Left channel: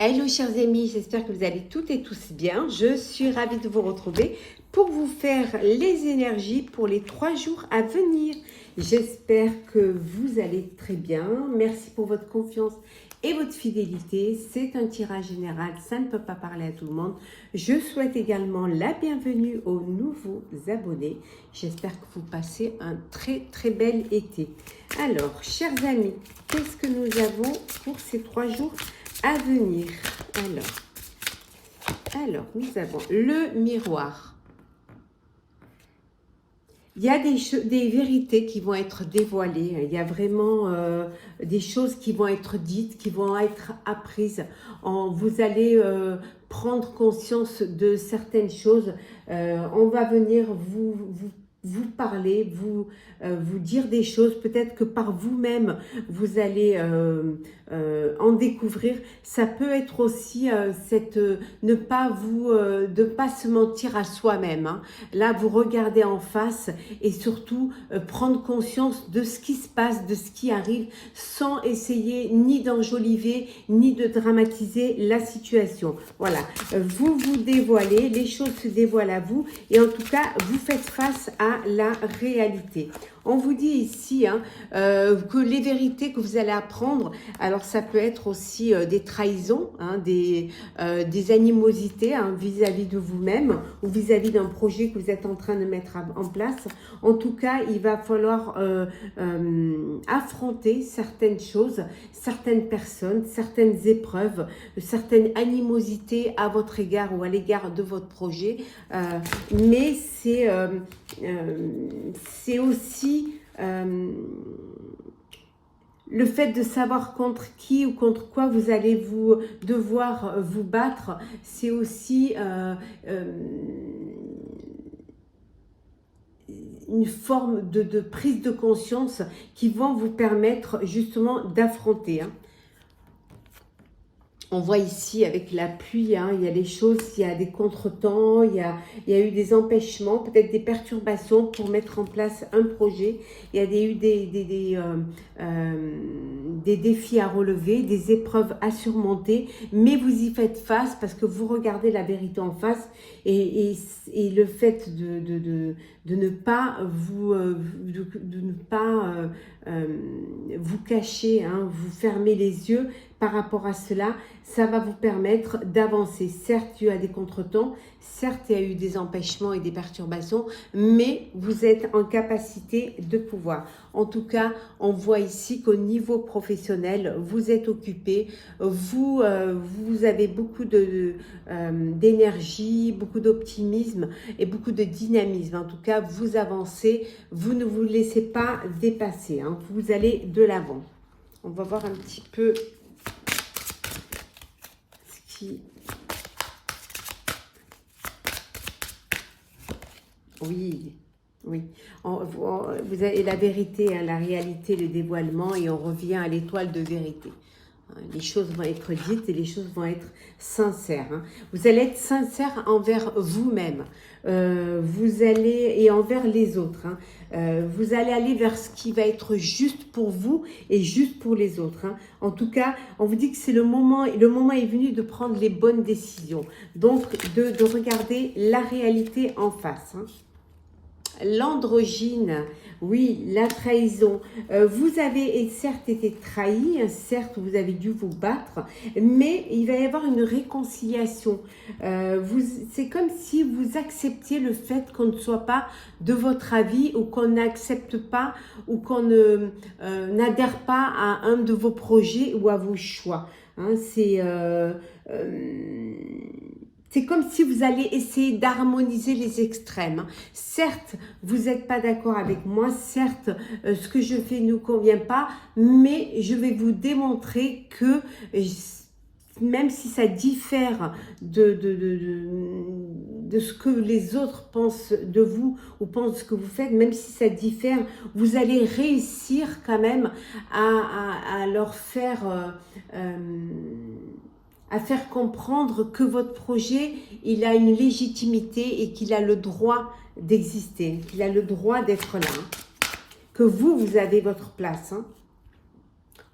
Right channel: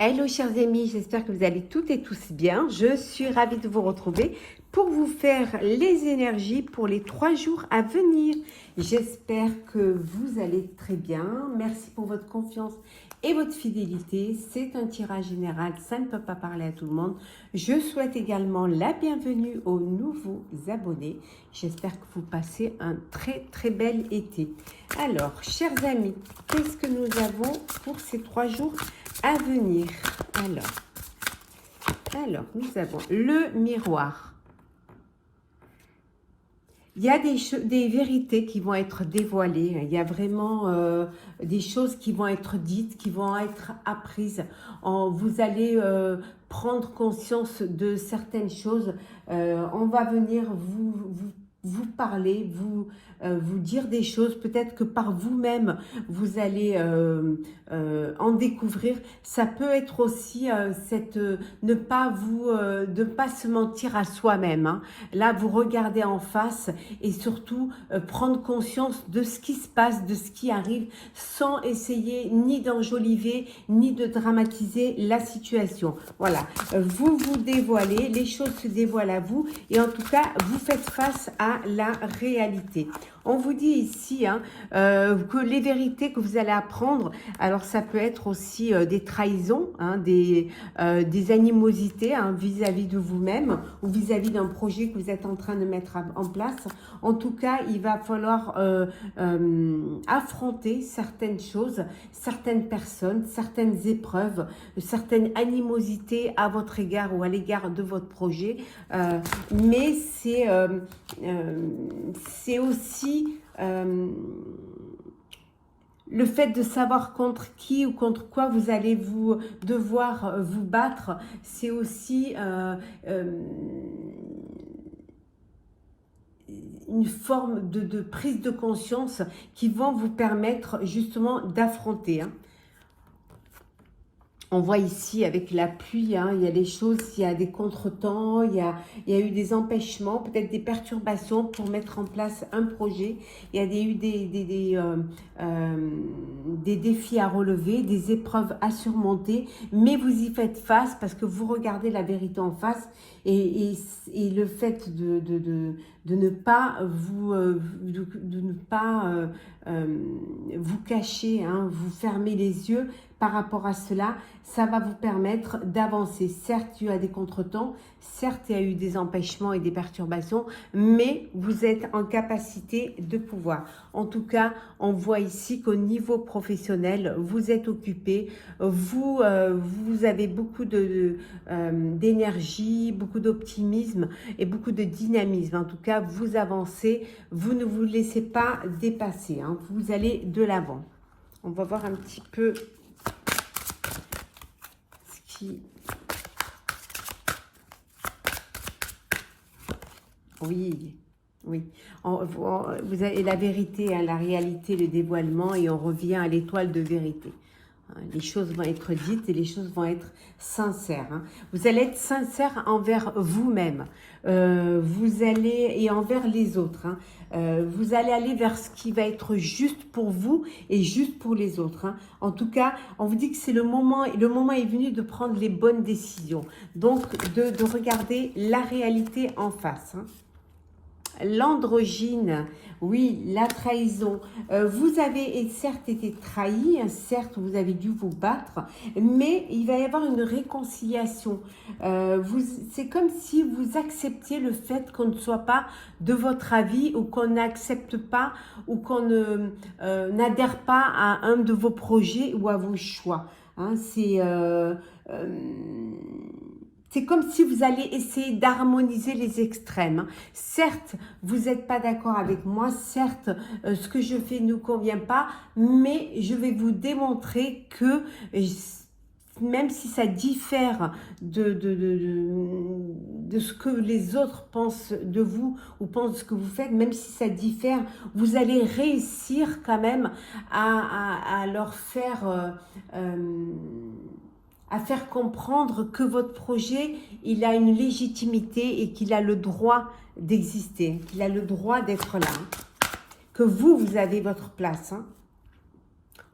Hello chers amis, j'espère que vous allez toutes et tous bien. Je suis ravie de vous retrouver pour vous faire les énergies pour les 3 jours à venir. J'espère que vous allez très bien. Merci pour votre confiance et votre fidélité. C'est un tirage général, ça ne peut pas parler à tout le monde. Je souhaite également la bienvenue aux nouveaux abonnés. J'espère que vous passez un très bel été. Alors, chers amis, qu'est-ce que nous avons pour ces 3 jours à venir? Alors, nous avons le miroir. Il y a des vérités qui vont être dévoilées. Il y a vraiment des choses qui vont être dites, qui vont être apprises. Vous allez prendre conscience de certaines choses. On va venir vous parler, vous dire des choses. Peut-être que par vous-même, vous allez en découvrir. Ça peut être aussi ne pas se mentir à soi-même. Hein. Là, vous regardez en face et surtout prendre conscience de ce qui se passe, de ce qui arrive, sans essayer ni d'enjoliver, ni de dramatiser la situation. Voilà, vous vous dévoilez, les choses se dévoilent à vous et en tout cas, vous faites face à la réalité. On vous dit ici que les vérités que vous allez apprendre, alors ça peut être aussi des trahisons, des animosités vis-à-vis de vous-même ou vis-à-vis d'un projet que vous êtes en train de mettre en place. En tout cas, il va falloir affronter certaines choses, certaines personnes, certaines épreuves, certaines animosités à votre égard ou à l'égard de votre projet. Mais c'est aussi le fait de savoir contre qui ou contre quoi vous allez devoir vous battre. C'est aussi une forme de prise de conscience qui vont vous permettre justement d'affronter. On voit ici avec la pluie, il y a des choses, il y a des contretemps, il y a eu des empêchements, peut-être des perturbations pour mettre en place un projet. Il y a eu des défis à relever, des épreuves à surmonter, mais vous y faites face parce que vous regardez la vérité en face et le fait de ne pas vous cacher, vous fermer les yeux par rapport à cela, ça va vous permettre d'avancer. Certes, il y a des contretemps, certes, il y a eu des empêchements et des perturbations, mais vous êtes en capacité de pouvoir. En tout cas, on voit ici qu'au niveau professionnel, vous êtes occupé, vous avez beaucoup d'énergie, beaucoup d'optimisme et beaucoup de dynamisme. En tout cas, vous avancez, vous ne vous laissez pas dépasser, vous allez de l'avant. On va voir un petit peu ce qui... Oui. Vous avez la vérité, la réalité, le dévoilement et on revient à l'étoile de vérité. Les choses vont être dites et les choses vont être sincères. Vous allez être sincère envers vous-même. Et envers les autres. Vous allez aller vers ce qui va être juste pour vous et juste pour les autres. En tout cas, on vous dit que c'est le moment est venu de prendre les bonnes décisions. Donc, de regarder la réalité en face. L'androgyne, oui, la trahison. Vous avez certes été trahi, certes vous avez dû vous battre, mais il va y avoir une réconciliation. C'est comme si vous acceptiez le fait qu'on ne soit pas de votre avis ou qu'on n'accepte pas ou qu'on n'adhère pas à un de vos projets ou à vos choix. C'est comme si vous alliez essayer d'harmoniser les extrêmes. Certes, vous n'êtes pas d'accord avec moi, certes, ce que je fais ne convient pas, mais je vais vous démontrer que même si ça diffère de ce que les autres pensent de vous ou pensent ce que vous faites, même si ça diffère, vous allez réussir quand même à leur faire... à faire comprendre que votre projet, il a une légitimité et qu'il a le droit d'exister, qu'il a le droit d'être là, que vous avez votre place.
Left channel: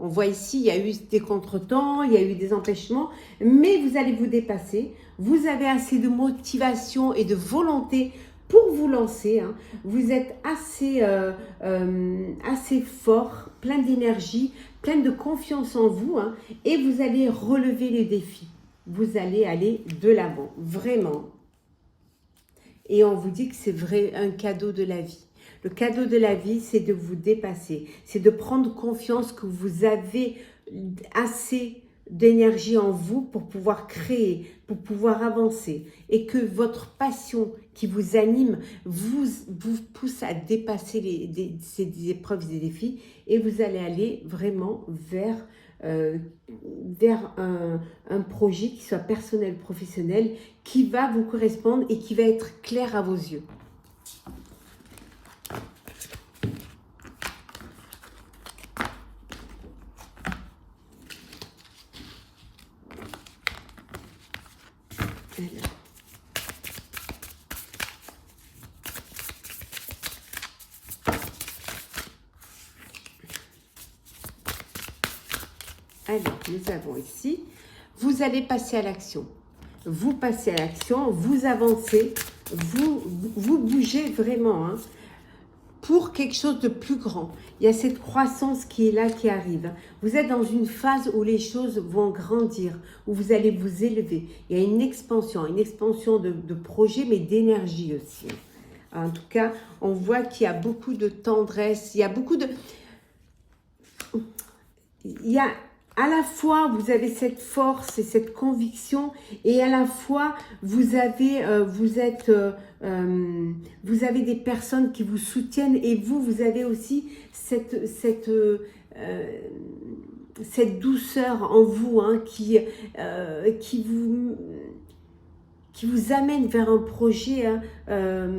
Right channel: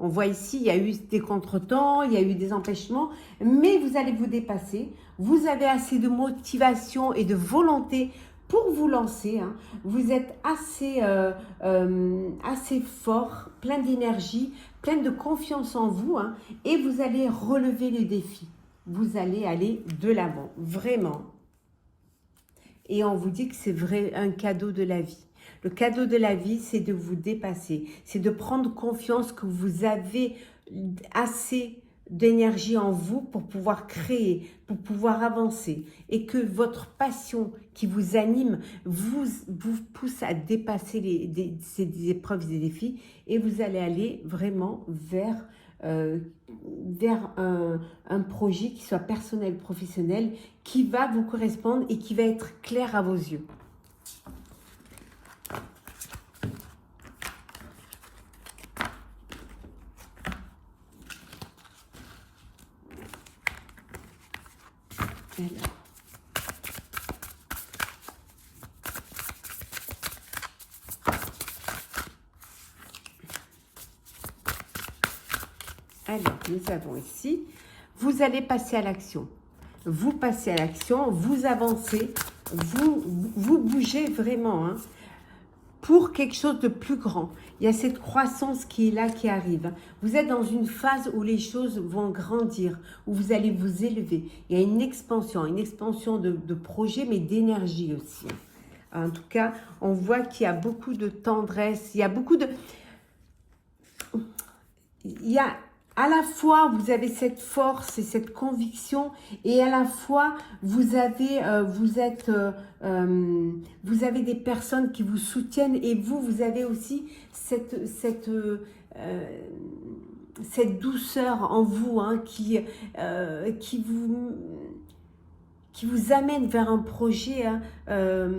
On voit ici, il y a eu des contretemps, il y a eu des empêchements, mais vous allez vous dépasser. Vous avez assez de motivation et de volonté pour vous lancer. Hein. Vous êtes assez fort, plein d'énergie, plein de confiance en vous, hein, et vous allez relever les défis. Vous allez aller de l'avant, vraiment. Et on vous dit que c'est vrai, un cadeau de la vie. Le cadeau de la vie, c'est de vous dépasser. C'est de prendre confiance que vous avez assez d'énergie en vous pour pouvoir créer, pour pouvoir avancer. Et que votre passion qui vous anime vous pousse à dépasser ces épreuves et des défis. Et vous allez aller vraiment vers un projet qui soit personnel, professionnel, qui va vous correspondre et qui va être clair à vos yeux. Alors, nous avons ici, vous allez passer à l'action. Vous passez à l'action, vous avancez, vous bougez vraiment hein, pour quelque chose de plus grand. Il y a cette croissance qui est là, qui arrive. Vous êtes dans une phase où les choses vont grandir, où vous allez vous élever. Il y a une expansion de projets, mais d'énergie aussi. En tout cas, on voit qu'il y a beaucoup de tendresse, il y a beaucoup de... À la fois, vous avez cette force et cette conviction, et à la fois, vous avez des personnes qui vous soutiennent, et vous avez aussi cette douceur en vous hein, qui vous amène vers un projet hein,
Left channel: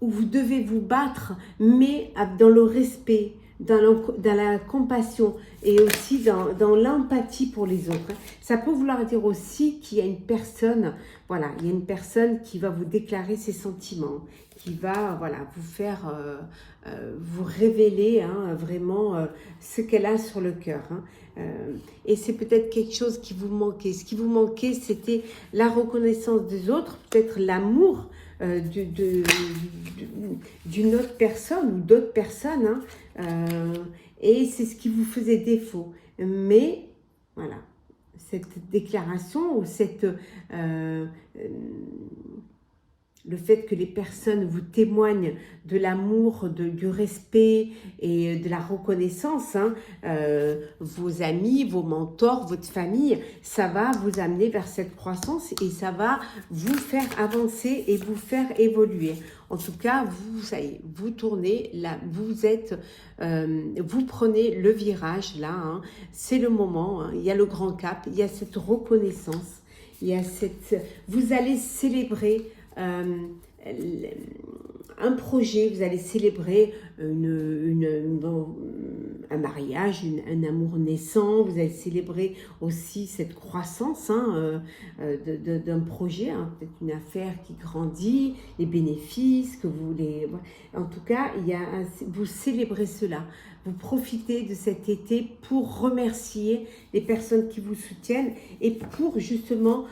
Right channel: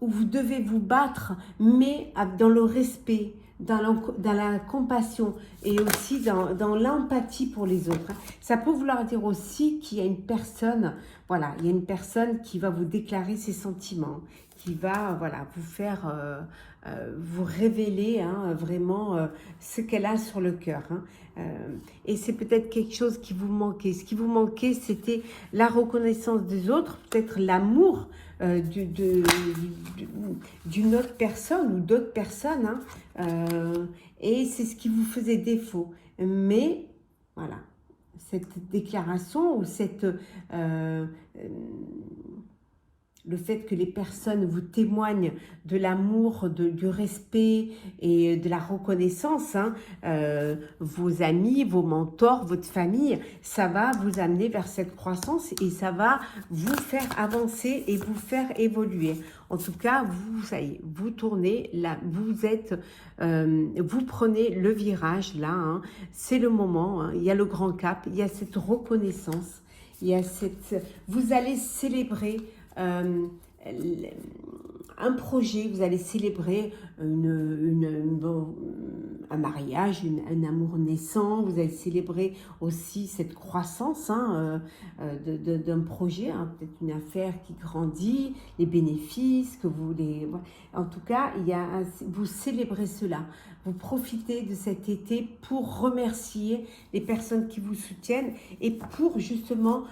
où vous devez vous battre, mais dans le respect, dans la compassion et aussi dans l'empathie pour les autres. Ça peut vouloir dire aussi qu'il y a une personne, voilà, il y a une personne qui va vous déclarer ses sentiments, qui va voilà, vous faire, vous révéler hein, vraiment ce qu'elle a sur le cœur. Hein. Et c'est peut-être quelque chose qui vous manquait. Ce qui vous manquait, c'était la reconnaissance des autres, peut-être l'amour d'une autre personne ou d'autres personnes. Hein. Et c'est ce qui vous faisait défaut. Mais, voilà, cette déclaration ou le fait que les personnes vous témoignent de l'amour, du respect et de la reconnaissance, hein, vos amis, vos mentors, votre famille, ça va vous amener vers cette croissance et ça va vous faire avancer et vous faire évoluer. En tout cas, ça y est, vous tournez, là, vous prenez le virage là, hein, c'est le moment, hein, il y a le grand cap, il y a cette reconnaissance, il y a vous allez célébrer un projet, vous allez célébrer un mariage, un amour naissant, vous allez célébrer aussi cette croissance hein, d'un projet, hein, peut-être une affaire qui grandit, les bénéfices, en tout cas, vous célébrez cela. Vous profitez de cet été pour remercier les personnes qui vous soutiennent et pour justement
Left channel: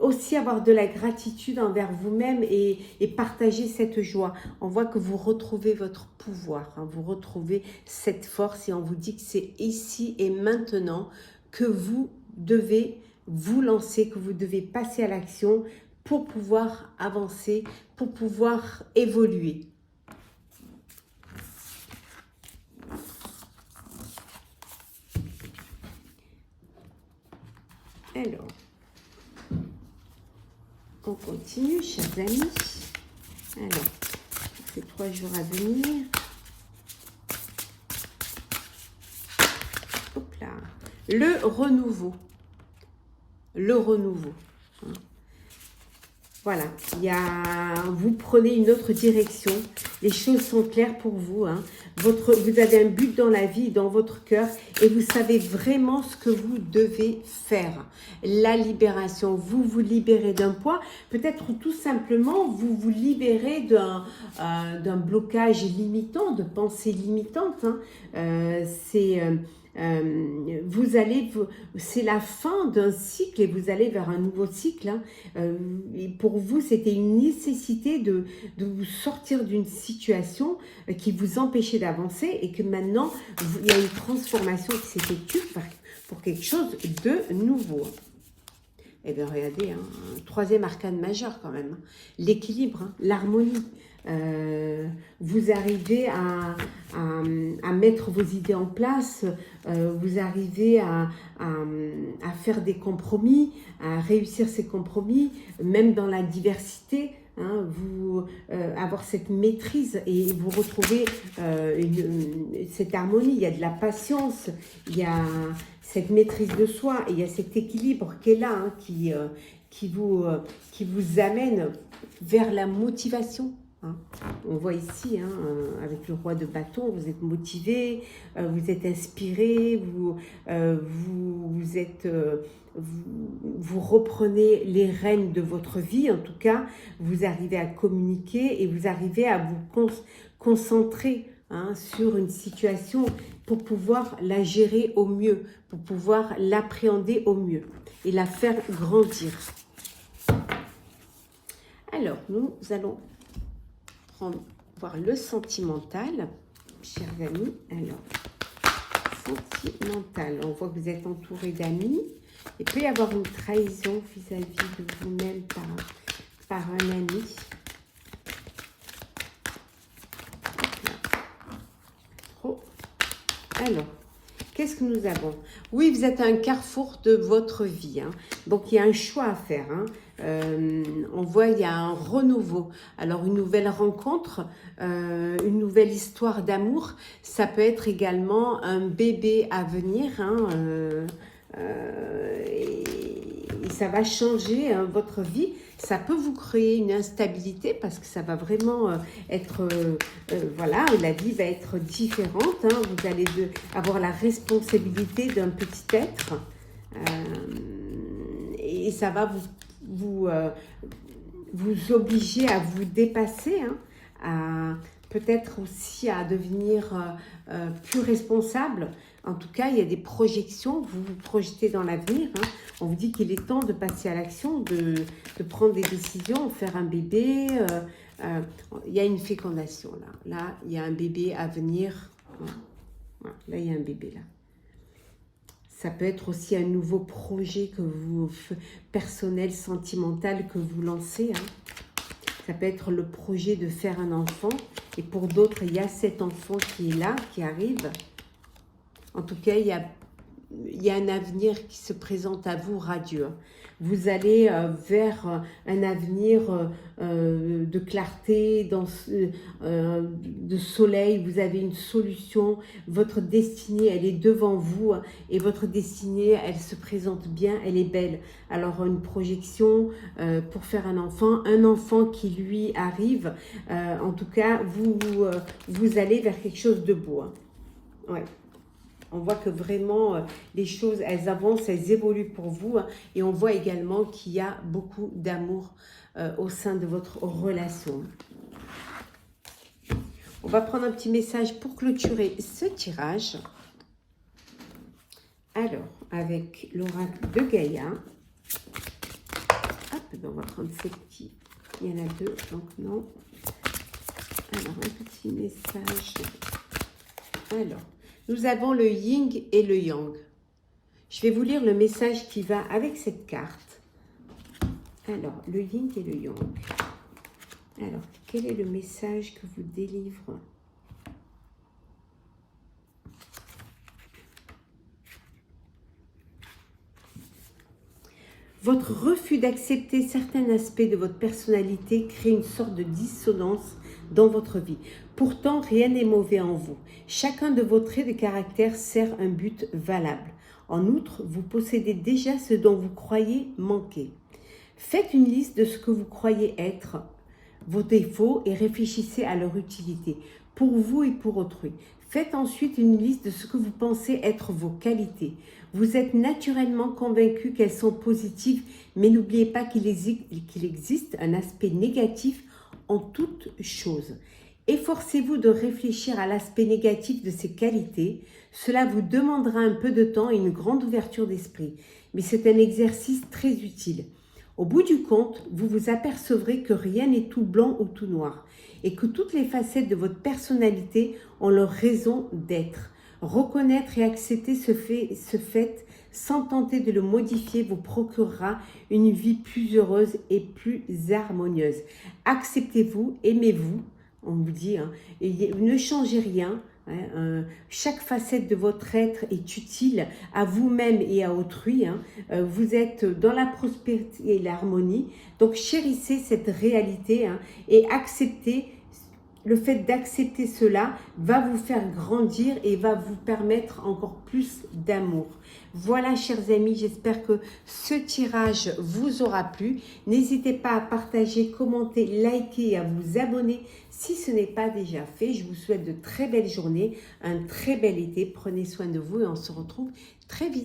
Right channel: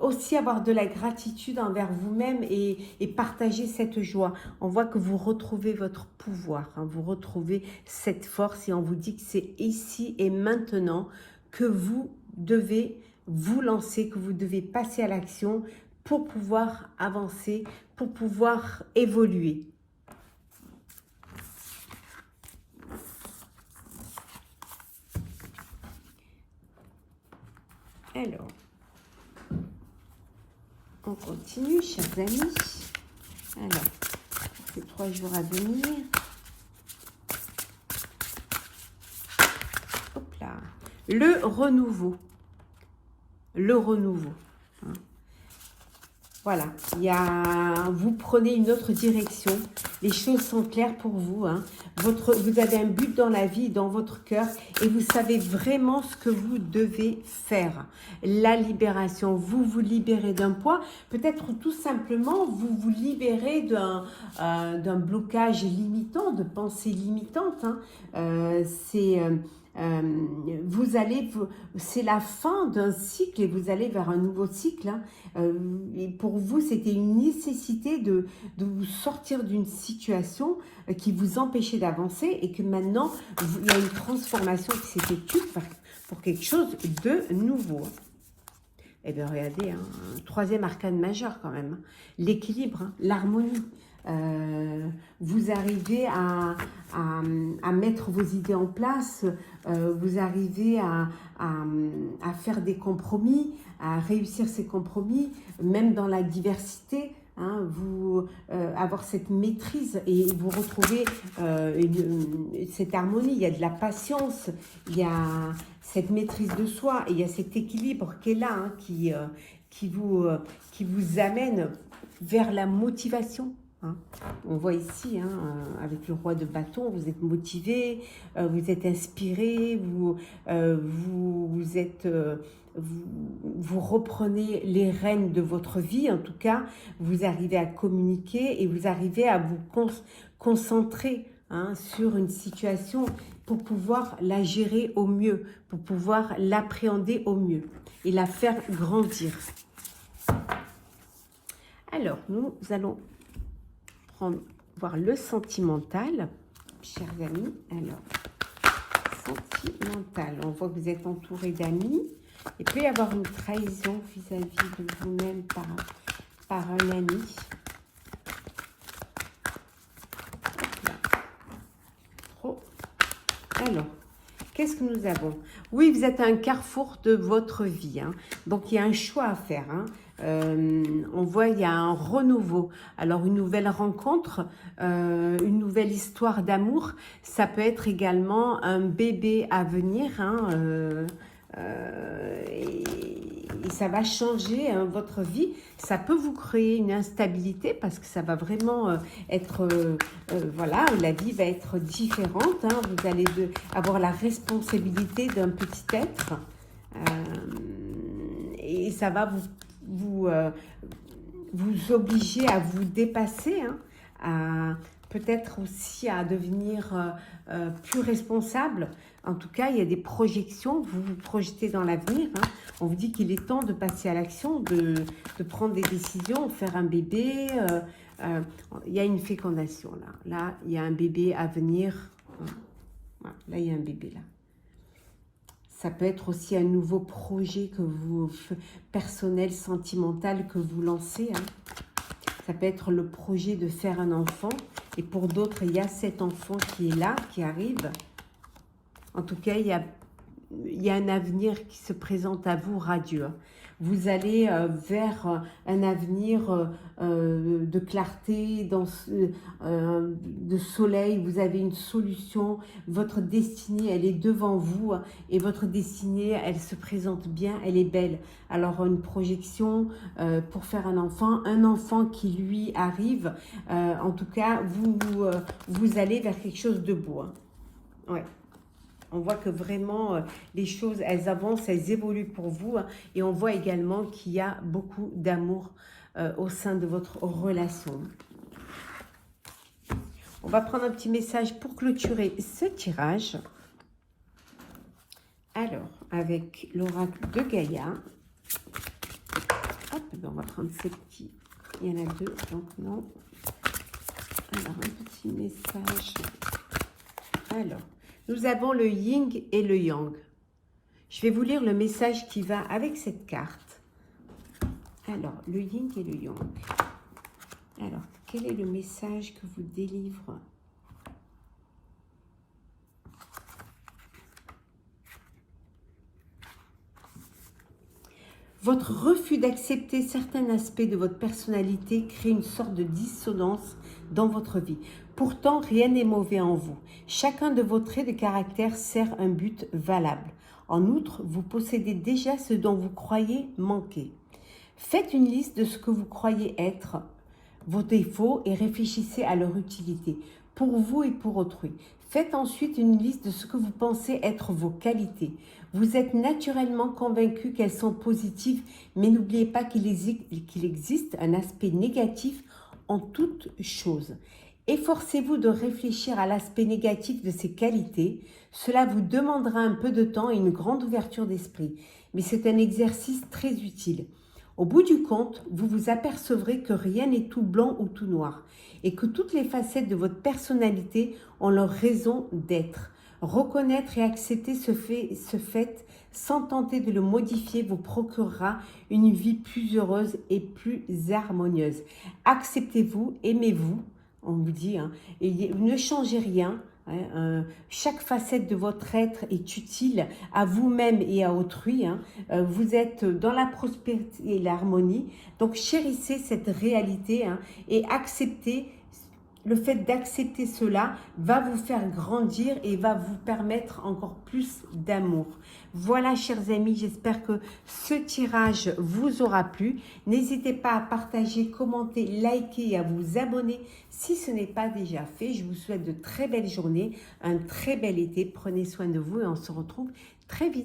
aussi avoir de la gratitude envers vous-même et partager cette joie. On voit que vous retrouvez votre pouvoir, hein, vous retrouvez cette force et on vous dit que c'est ici et maintenant que vous devez vous lancer, que vous devez passer à l'action pour pouvoir avancer, pour pouvoir évoluer. Alors, on continue, chers amis. Alors, les 3 jours à venir. Hop là. Le renouveau. Le renouveau. Voilà, vous prenez une autre direction, les choses sont claires pour vous, hein. Vous avez un but dans la vie, dans votre cœur, et vous savez vraiment ce que vous devez faire. La libération, vous vous libérez d'un poids, peut-être tout simplement vous vous libérez d'un blocage limitant, de pensées limitantes, hein. C'est la fin d'un cycle et vous allez vers un nouveau cycle, hein. Et pour vous, c'était une nécessité de vous sortir d'une situation qui vous empêchait d'avancer et que maintenant, il y a une transformation qui s'effectue pour quelque chose de nouveau. Et bien regardez, hein, troisième arcane majeur quand même, l'équilibre, hein, l'harmonie. Vous arrivez à mettre vos idées en place, vous arrivez à faire des compromis, à réussir ces compromis, même dans la diversité, hein, avoir cette maîtrise et vous retrouvez cette harmonie. Il y a de la patience, il y a cette maîtrise de soi et il y a cet équilibre qui est là, hein, qui vous amène vers la motivation. On voit ici, hein, avec le roi de bâton, vous êtes motivé, vous êtes inspiré, vous reprenez les rênes de votre vie, en tout cas, vous arrivez à communiquer et vous arrivez à vous concentrer, hein, sur une situation pour pouvoir la gérer au mieux, pour pouvoir l'appréhender au mieux et la faire grandir. Alors, nous allons voir le sentimental, chers amis. Alors, sentimental, on voit que vous êtes entouré d'amis. Il peut y avoir une trahison vis-à-vis de vous-même par un ami. Alors, qu'est-ce que nous avons? Oui, vous êtes à un carrefour de votre vie, hein. Donc il y a un choix à faire, hein. On voit il y a un renouveau. Alors une nouvelle rencontre, une nouvelle histoire d'amour. Ça peut être également un bébé à venir, hein, et ça va changer, hein, votre vie. Ça peut vous créer une instabilité parce que ça va vraiment être, voilà, la vie va être différente, hein. Vous allez avoir la responsabilité d'un petit être et ça va vous obliger à vous dépasser, hein, peut-être aussi à devenir plus responsable. En tout cas, il y a des projections, vous vous projetez dans l'avenir, hein. On vous dit qu'il est temps de passer à l'action, de prendre des décisions, faire un bébé. Il y a une fécondation là. Là, il y a un bébé à venir. Voilà. Là, il y a un bébé là. Ça peut être aussi un nouveau projet que personnel, sentimental que vous lancez, hein. Ça peut être le projet de faire un enfant. Et pour d'autres, il y a cet enfant qui est là, qui arrive. En tout cas, il y a un avenir qui se présente à vous radieux. Vous allez vers un avenir de clarté, de soleil. Vous avez une solution. Votre destinée, elle est devant vous. Et votre destinée, elle se présente bien, elle est belle. Alors, une projection pour faire un enfant qui lui arrive. En tout cas, vous allez vers quelque chose de beau, hein. Ouais. On voit que vraiment, les choses, elles avancent, elles évoluent pour vous. Hein, et on voit également qu'il y a beaucoup d'amour au sein de votre relation. On va prendre un petit message pour clôturer ce tirage. Alors, avec l'oracle de Gaïa. Hop, on va prendre ces petits. Il y en a deux, donc non. Alors, un petit message. Alors. Nous avons le yin et le yang. Je vais vous lire le message qui va avec cette carte. Alors, le yin et le yang. Alors, quel est le message que vous délivre? Votre refus d'accepter certains aspects de votre personnalité crée une sorte de dissonance dans votre vie. Pourtant, rien n'est mauvais en vous. Chacun de vos traits de caractère sert un but valable. En outre, vous possédez déjà ce dont vous croyez manquer. Faites une liste de ce que vous croyez être vos défauts et réfléchissez à leur utilité pour vous et pour autrui. Faites ensuite une liste de ce que vous pensez être vos qualités. Vous êtes naturellement convaincu qu'elles sont positives, mais n'oubliez pas qu'il existe un aspect négatif en toute chose. Efforcez-vous de réfléchir à l'aspect négatif de ces qualités. Cela vous demandera un peu de temps et une grande ouverture d'esprit, mais c'est un exercice très utile. Au bout du compte, vous vous apercevrez que rien n'est tout blanc ou tout noir et que toutes les facettes de votre personnalité ont leur raison d'être. Reconnaître et accepter ce fait sans tenter de le modifier vous procurera une vie plus heureuse et plus harmonieuse. Acceptez-vous, aimez-vous, on vous dit, hein, et ne changez rien. Chaque facette de votre être est utile à vous-même et à autrui. Vous êtes dans la prospérité et l'harmonie. Donc chérissez cette réalité et acceptez. Le fait d'accepter cela va vous faire grandir et va vous permettre encore plus d'amour. Voilà, chers amis, j'espère que ce tirage vous aura plu. N'hésitez pas à partager, commenter, liker et à vous abonner si ce n'est pas déjà fait. Je vous souhaite de très belles journées, un très bel été. Prenez soin de vous et on se retrouve très vite.